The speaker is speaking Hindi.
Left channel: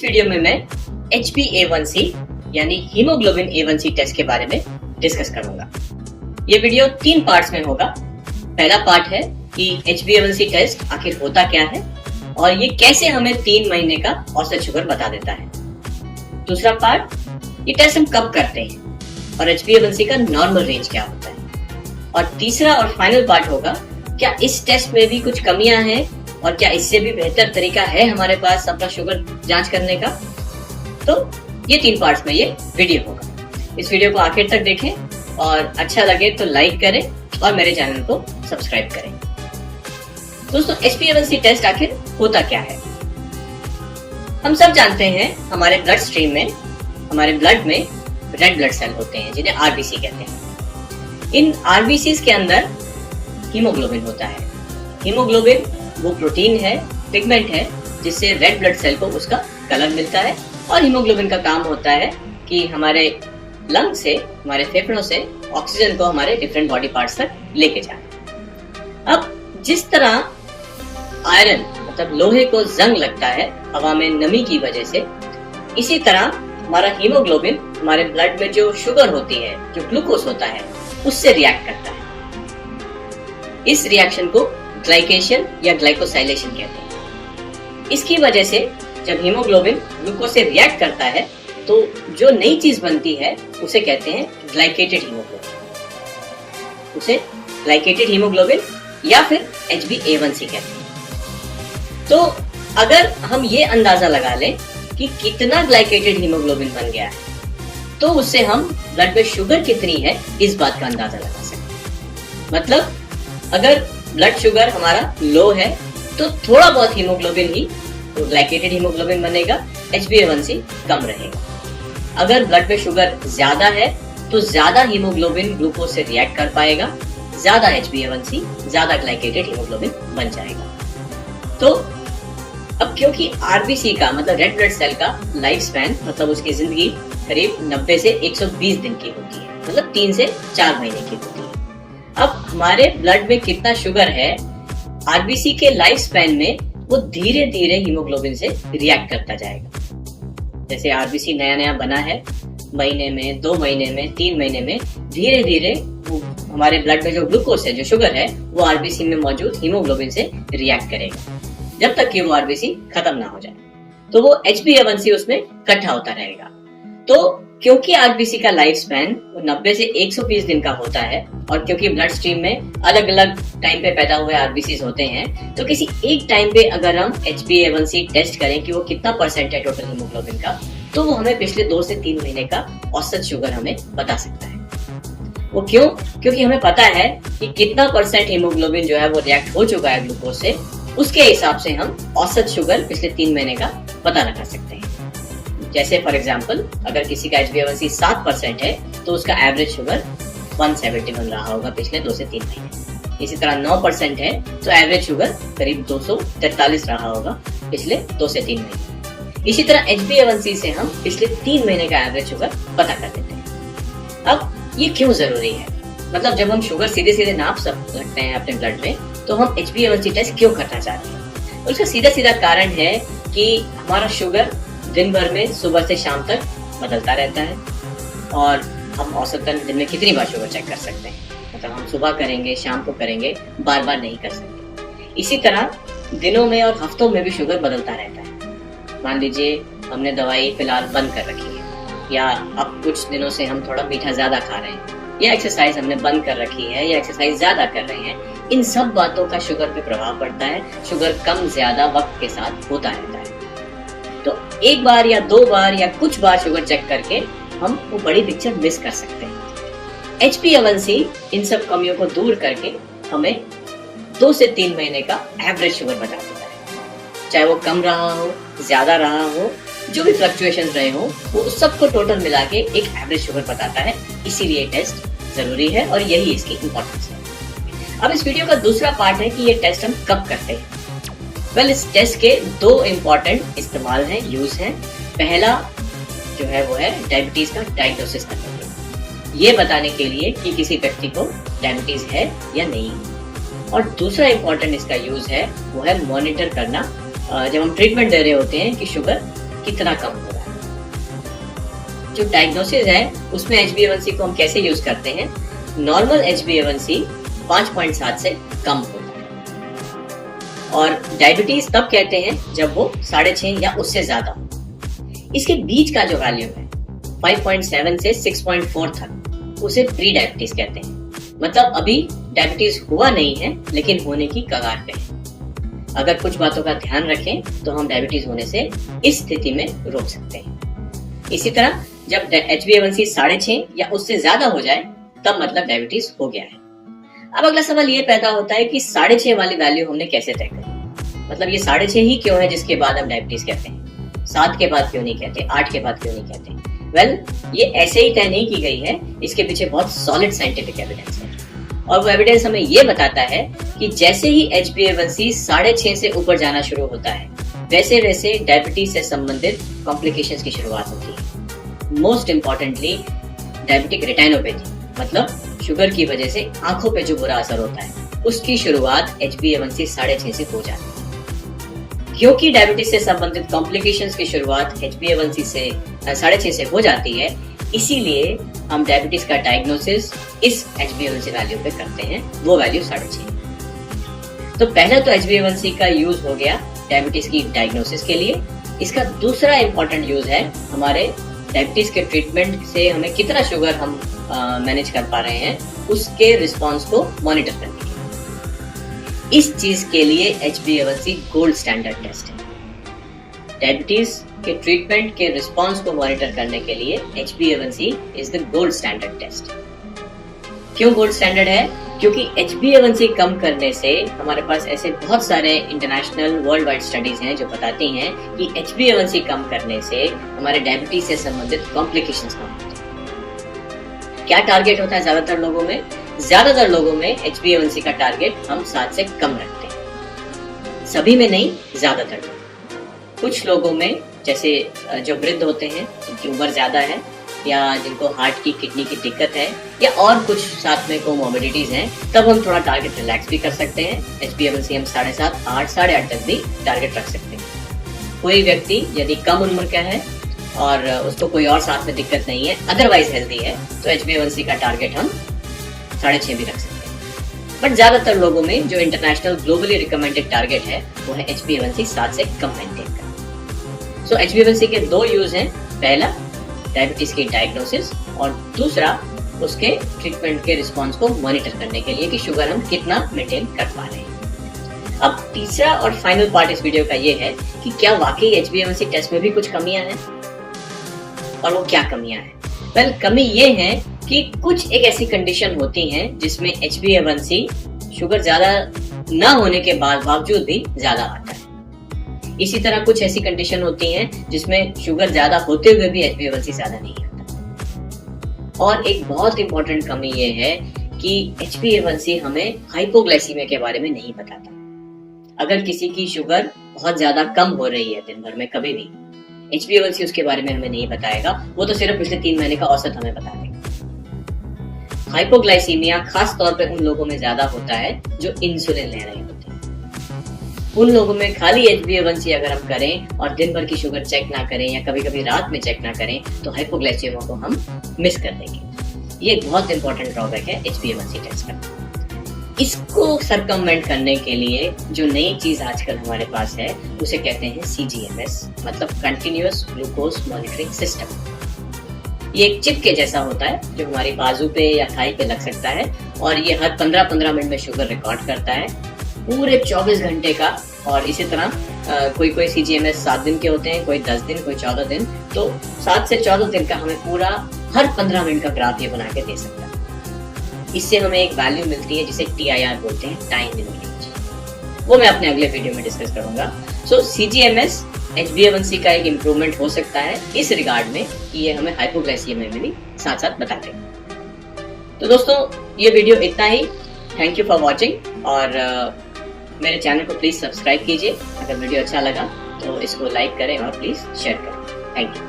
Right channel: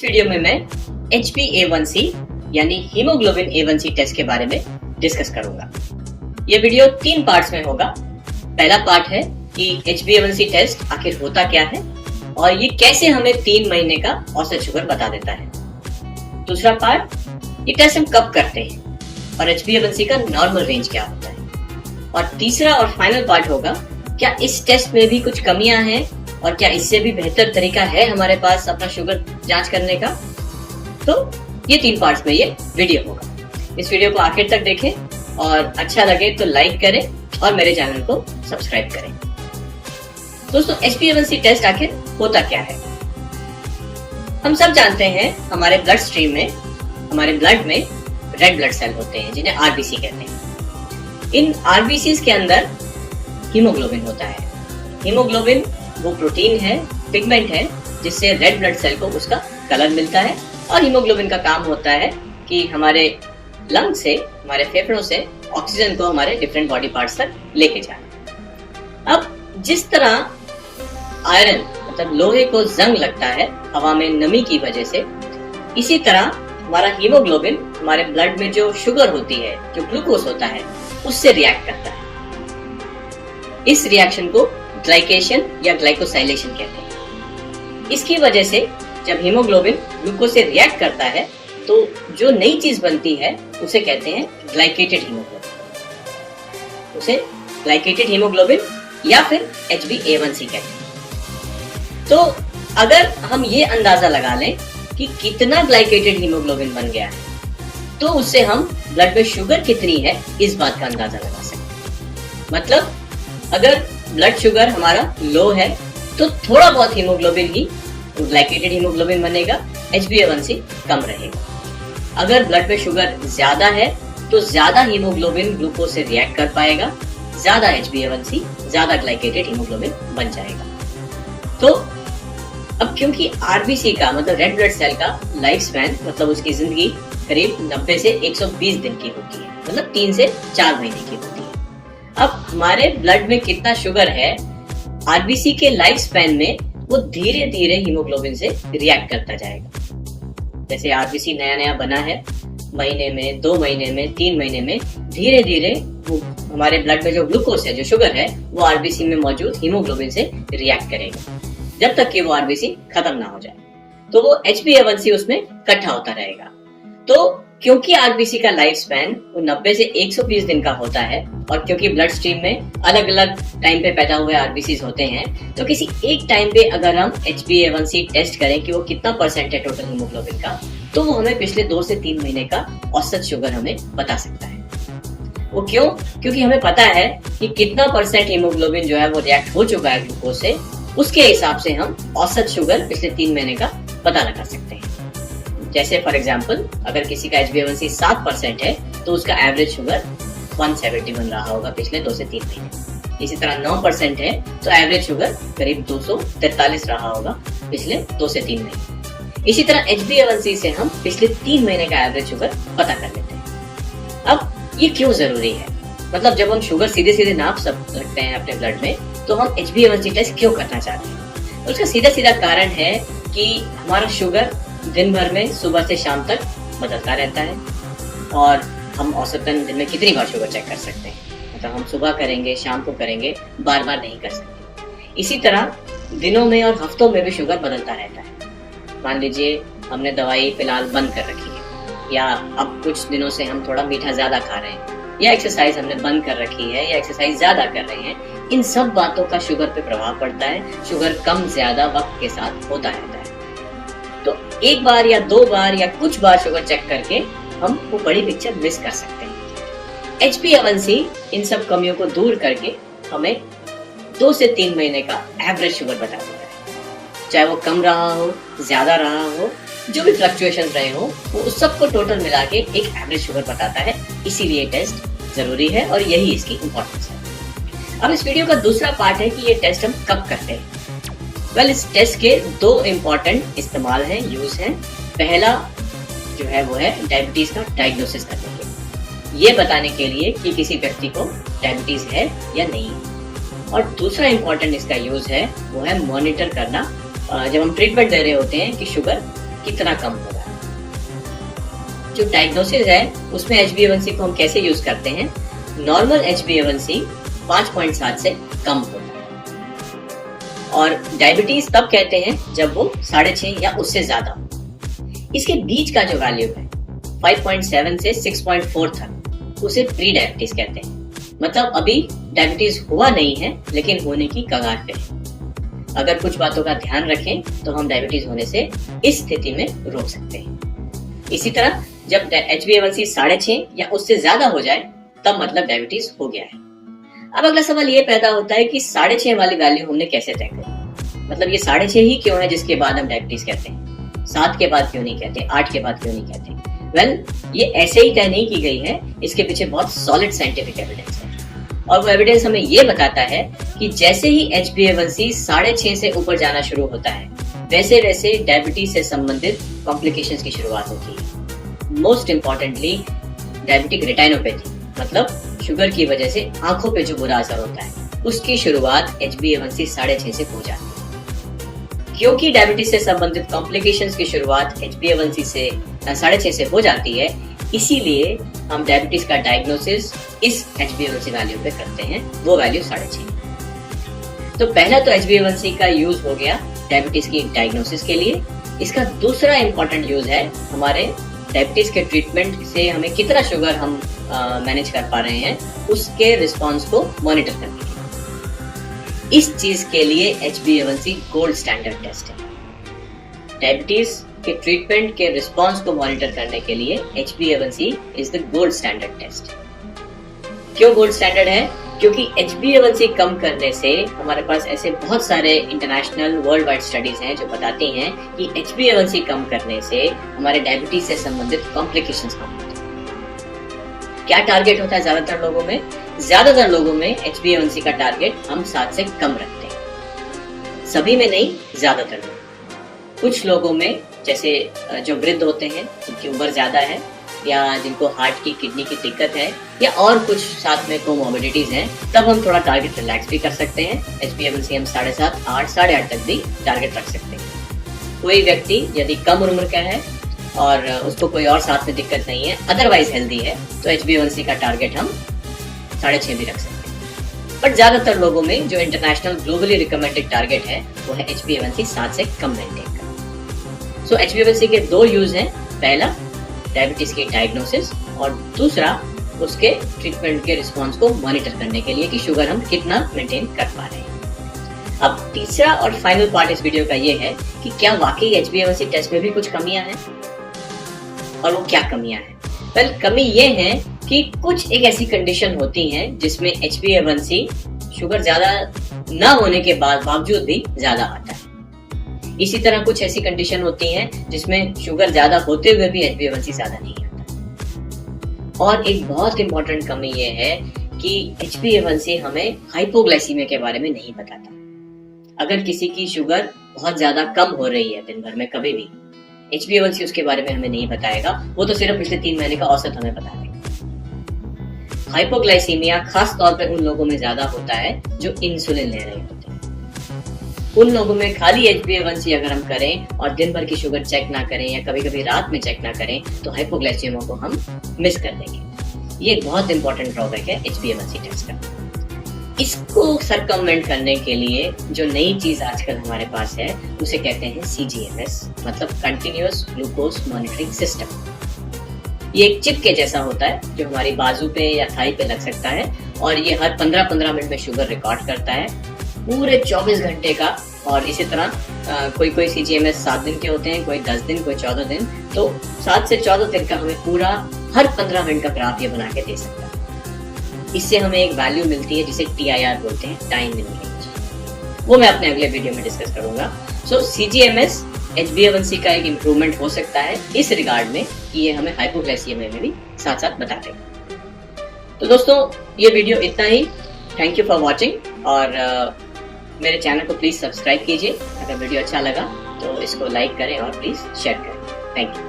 वीडियो में मैं HbA1c यानी हीमोग्लोबिन A1c टेस्ट के बारे में डिस्कस करूंगा। ये वीडियो 3 पार्ट्स में होगा। पहला पार्ट है कि HbA1c टेस्ट आखिर होता क्या है और ये कैसे हमें 3 महीने का औसत शुगर बता देता है। दूसरा पार्ट, ये टेस्ट हम कब करते हैं और HbA1c का नॉर्मल रेंज क्या होता है। और तीसरा और फाइनल पार्ट होगा, क्या इस टेस्ट में भी कुछ कमियां हैं और क्या इससे भी बेहतर तरीका है हमारे पास अपना शुगर जांच करने का। तो ये 3 पार्ट्स में ये वीडियो होगा। इस वीडियो को आखिर तक देखें और अच्छा लगे तो लाइक करें और मेरे चैनल को सब्सक्राइब करें। दोस्तों, HbA1c टेस्ट आखिर होता क्या है। हम सब जानते हैं हमारे ब्लड स्ट्रीम में, हमारे ब्लड में रेड ब्लड सेल होते हैं जिन्हें RBC कहते हैं। इन RBCs के अंदर हीमोग्लोबिन होता है। हीमोग्लोबिन वो प्रोटीन है, पिगमेंट है, जिससे रेड ब्लड सेल को उसका कलर मिलता है। और हीमोग्लोबिन का काम होता है कि हमारे लंग से, हमारे फेफड़ों से ऑक्सीजन को हमारे डिफरेंट बॉडी पार्ट्स तक लेके जाए। अब जिस तरह आयरन मतलब लोहे को जंग लगता है हवा में नमी की वजह से, इसी तरह हमारा हीमोग्लोबिन हमारे ब्लड में जो शुगर होती है, जो ग्लूकोज होता है, उससे रिएक्ट करता है। इस रिएक्शन को ग्लाइकेशन या ग्लाइकोसाइलेशन कहते हैं। इसकी वजह से जब हीमोग्लोबिन ग्लूकोज से रिएक्ट करता है तो जो नई चीज बनती है उसे कहते हैं ग्लाइकेटेड हीमोग्लोबिन। उसे ग्लाइकेटेड हीमोग्लोबिन या फिर HbA1c कहते हैं। तो अगर हम ये अंदाजा लगा लें कि कितना ग्लाइकेटेड हीमोग्लोबिन बन गया है, तो उससे हम ब्लड में शुगर कितनी है इस बात का अंदाजा लगा सकते हैं। मतलब अगर ब्लड शुगर हमारा लो है तो थोड़ा बहुत हीमोग्लोबिन ही ग्लाइकेटेड हीमोग्लोबिन बनेगा, HbA1c कम रहेगा। अगर ब्लड में शुगर ज्यादा है तो ज्यादा हीमोग्लोबिन ग्लूकोज से रिएक्ट कर पाएगा, ज्यादा HbA1c, ज्यादा ग्लाइकेटेड हीमोग्लोबिन बन जाएगा। तो अब क्योंकि RBC का मतलब रेड ब्लड सेल का लाइफ स्पैन मतलब उसकी जिंदगी करीब 90 से 120 दिन की होती है, मतलब 3 से 4 महीने की होती है। अब हमारे ब्लड में कितना शुगर है, RBC के लाइफ स्पैन में वो धीरे धीरे हीमोग्लोबिन से रिएक्ट करता जाएगा। जैसे RBC नया नया बना है, महीने में, 2 महीने में, 3 महीने में धीरे धीरे हमारे ब्लड में जो ग्लूकोज है, जो शुगर है, वो RBC में मौजूद हीमोग्लोबिन से रिएक्ट करेगा जब तक कि वो RBC खत्म ना हो जाए। तो वो HbA1c उसमें इकट्ठा होता रहेगा। तो क्योंकि RBC का लाइफ स्पैन 90 से 120 दिन का होता है और क्योंकि ब्लड स्ट्रीम में अलग अलग टाइम पे पैदा हुए RBCs होते हैं, तो किसी एक टाइम पे अगर हम HbA1c टेस्ट करें कि वो कितना परसेंट है टोटल हीमोग्लोबिन का, तो वो हमें पिछले 2 से 3 महीने का औसत शुगर हमें बता सकता है। वो क्यों? क्योंकि हमें पता है कि कितना परसेंट हीमोग्लोबिन जो है वो रिएक्ट हो चुका है ग्लूकोज से, उसके हिसाब से हम औसत शुगर पिछले 3 महीने का पता लगा सकते हैं। जैसे फॉर एग्जाम्पल, अगर किसी का HbA1c 7% है तो उसका एवरेज शुगर 170 बन रहा होगा पिछले 2 से 3 महीने। इसी तरह 9% है तो एवरेज शुगर करीब 243 रहा होगा पिछले 2 से 3 महीने। इसी तरह HbA1c से हम पिछले 3 महीने का एवरेज शुगर पता कर लेते हैं। अब ये क्यों जरूरी है? मतलब जब हम शुगर सीधे सीधे नाप सकते हैं अपने ब्लड में, तो हम HbA1c टेस्ट क्यों करना चाहते हैं? उसका सीधा सीधा कारण है कि हमारा शुगर दिन भर में सुबह से शाम तक बदलता रहता है और हम औसतन दिन में कितनी बार शुगर चेक कर सकते हैं। मतलब हम सुबह करेंगे, शाम को करेंगे, बार बार नहीं कर सकते। इसी तरह दिनों में और हफ्तों में भी शुगर बदलता रहता है। मान लीजिए हमने दवाई फिलहाल बंद कर रखी है, या अब कुछ दिनों से हम थोड़ा मीठा ज्यादा खा रहे हैं, या एक्सरसाइज हमने बंद कर रखी है, या एक्सरसाइज ज्यादा कर रहे हैं। इन सब बातों का शुगर पे प्रभाव पड़ता है। शुगर कम ज्यादा वक्त के साथ होता रहता है। तो एक बार या 2 बार या कुछ बार शुगर चेक करके हम वो बड़ी पिक्चर मिस कर सकते हैं। HbA1c इन सब कमियों को दूर करके हमें 2 से 3 महीने का एवरेज शुगर बता देता है। चाहे वो कम रहा हो, ज्यादा रहा हो, जो भी फ्लक्चुएशन रहे हो, वो सबको टोटल मिला के एक एवरेज शुगर बताता है। इसीलिए टेस्ट जरूरी है और यही इसकी इम्पोर्टेंस है। अब इस वीडियो का दूसरा पार्ट है कि ये टेस्ट हम कब करते हैं। इस टेस्ट के 2 इम्पोर्टेंट इस्तेमाल हैं, यूज हैं। पहला जो है वो है डायबिटीज का डायग्नोसिस करने के लिए, ये बताने के लिए कि किसी व्यक्ति को डायबिटीज है या नहीं। और दूसरा इम्पोर्टेंट इसका यूज है वो है मॉनिटर करना जब हम ट्रीटमेंट दे रहे होते हैं कि शुगर कितना कम होगा। जो डायग्नोसिस है उसमें HbA1c को हम कैसे यूज करते हैं, नॉर्मल HbA1c 5.7 से कम होता है और डायबिटीज तब कहते हैं जब वो 6.5 या उससे ज्यादा हो। इसके बीच का जो वैल्यू है 5.7 से 6.4 तक उसे प्री डायबिटीज कहते हैं। मतलब अभी डायबिटीज हुआ नहीं है लेकिन होने की कगार पे है। अगर कुछ बातों का ध्यान रखें तो हम डायबिटीज होने से इस स्थिति में रोक सकते हैं। इसी तरह जब HbA1c 6.5 या उससे ज्यादा हो जाए तब मतलब डायबिटीज हो गया है। अब अगला सवाल ये पैदा होता है कि 6.5 वाली वैल्यू हमने कैसे तय करी, मतलब ये 6.5 ही क्यों है जिसके बाद हम डायबिटीज कहते हैं, 7 के बाद क्यों नहीं कहते, 8 के बाद क्यों नहीं कहते। ये ऐसे ही तय नहीं की गई है, इसके पीछे बहुत सॉलिड साइंटिफिक एविडेंस है और वो एविडेंस हमें ये बताता है कि जैसे ही HbA1c 6.5 से ऊपर जाना शुरू होता है वैसे वैसे डायबिटीज से संबंधित कॉम्प्लिकेशंस की शुरुआत होती है। मोस्ट इम्पोर्टेंटली डायबिटिक रेटिनोपैथी, मतलब शुगर की वजह से आंखों पे जो बुरा असर होता है उसकी शुरुआत HbA1c 6.5 से हो जाती है। क्योंकि डायबिटीज से संबंधित कॉम्प्लिकेशंस की शुरुआत HbA1c से 6.5 से हो जाती है, इसीलिए हम डायबिटीज का डायग्नोसिस इस HbA1c वैल्यू पे करते हैं, वो वैल्यू 6.5। तो पहला तो HbA1c का यूज हो गया डायबिटीज की डायग्नोसिस के लिए। इसका दूसरा इंपॉर्टेंट यूज है हमारे डायबिटीज के ट्रीटमेंट से हमें कितना शुगर हम मैनेज कर पा रहे हैं उसके रिस्पॉन्स को मॉनिटर करने के लिए। इस चीज के लिए HbA1c गोल्ड स्टैंडर्ड टेस्ट है। डायबिटीज के ट्रीटमेंट के रिस्पॉन्स को मॉनिटर करने के लिए HbA1c is the gold standard test. क्यों गोल्ड स्टैंडर्ड है? क्योंकि HbA1c कम करने से हमारे पास ऐसे बहुत सारे इंटरनेशनल वर्ल्ड वाइड स्टडीज हैं जो बताती हैं कि HbA1c कम करने से हमारे डायबिटीज से संबंधित कॉम्प्लिकेशंस कम होते हैं। क्या टारगेट होता है ज्यादातर लोगों में? ज्यादातर लोगों में HbA1c का टारगेट हम 7 से कम रखते हैं। सभी में नहीं, ज्यादातर लोग। कुछ लोगों में जैसे जो वृद्ध होते हैं, जिनकी उम्र ज्यादा है या जिनको हार्ट की किडनी की दिक्कत है या और कुछ साथ में कोमोर्बिडिटीज हैं, तब हम थोड़ा टारगेट रिलैक्स भी कर सकते हैं। HbA1c हम 7.5, 8, 8.5 तक भी टारगेट रख सकते हैं। कोई व्यक्ति यदि कम उम्र का है और उसको कोई और साथ में दिक्कत नहीं है, अदरवाइज हेल्दी है, तो HbA1c का टारगेट हम 6.5 भी रख सकते हैं। बट ज्यादातर लोगों में जो इंटरनेशनल ग्लोबली रिकमेंडेड टारगेट है वो है HbA1c 7 से कम मेंटेन करना। सो HbA1c के दो यूज हैं, पहला डायबिटीज की डायग्नोसिस और दूसरा उसके ट्रीटमेंट के रिस्पॉन्स को मॉनिटर करने के लिए कि शुगर हम कितना मेंटेन कर पा रहे हैं। अब तीसरा और फाइनल पार्ट इस वीडियो का ये है कि क्या वाकई HbA1c टेस्ट में भी कुछ कमियां हैं और वो क्या कमियां हैं? वेल, कमी ये है कि कुछ एक ऐसी कंडीशन होती हैं जिसमें HbA1c शुगर ज्यादा न होने के बावजूद भी ज्यादा आता है। इसी तरह कुछ ऐसी कंडीशन होती हैं जिसमें शुगर ज्यादा होते हुए भी HbA1c ज्यादा नहीं आता। और एक बहुत इंपॉर्टेंट कमी ये है कि HbA1c हमें हाइपोग्लाइसीमिया के बारे में नहीं बताता। अगर किसी की शुगर बहुत ज्यादा कम हो रही है दिन भर में कभी भी, HbA1c उसके बारे में हमें नहीं बताएगा, वो तो सिर्फ पिछले 3 महीने का औसत हमें बता देगा। हाइपोग्लाइसीमिया खास तौर पे उन लोगों में ज्यादा होता है जो इंसुलिन ले रहे होते हैं। उन लोगों में खाली HbA1c अगर हम करें और दिन भर की शुगर चेक ना करें या कभी कभी रात में चेक ना करें तो हाइपोग्लाइसीमिया को हम मिस कर देंगे। ये एक बहुत इंपॉर्टेंट ड्रॉबैक है HbA1c टेस्ट का। इसको सरकमवेंट करने के लिए जो नई चीज आजकल हमारे पास है उसे कहते हैं CGMS, मतलब कंटिन्यूअस ग्लूकोज मॉनिटरिंग सिस्टम। ये एक चिप के जैसा होता है जो हमारी बाजू पे या थाई पे लग सकता है और ये हर 15-15 मिनट में शुगर रिकॉर्ड करता है पूरे 24 घंटे का। और इसी तरह कोई CGMS 7 दिन के होते हैं, कोई 10 दिन, कोई 14 दिन। तो 7 से 14 दिन का हमें पूरा हर 15 मिनट का ग्राफ ये बना के दे सकता है। इससे हमें एक वैल्यू मिलती है जिसे TIR बोलते हैं, टाइम इन मिनट। वो मैं अपने अगले वीडियो में डिस्कस करूंगा। सो CGMS HbA1c का एक इम्प्रूवमेंट हो सकता है इस रिगार्ड में कि ये हमें हाइपोग्लाइसीमिया में भी साथ साथ बताते हैं। तो दोस्तों, ये वीडियो इतना ही। थैंक यू फॉर वॉचिंग और मेरे चैनल को प्लीज सब्सक्राइब कीजिए। अगर वीडियो अच्छा लगा तो इसको लाइक करें और प्लीज शेयर करें। Thank you.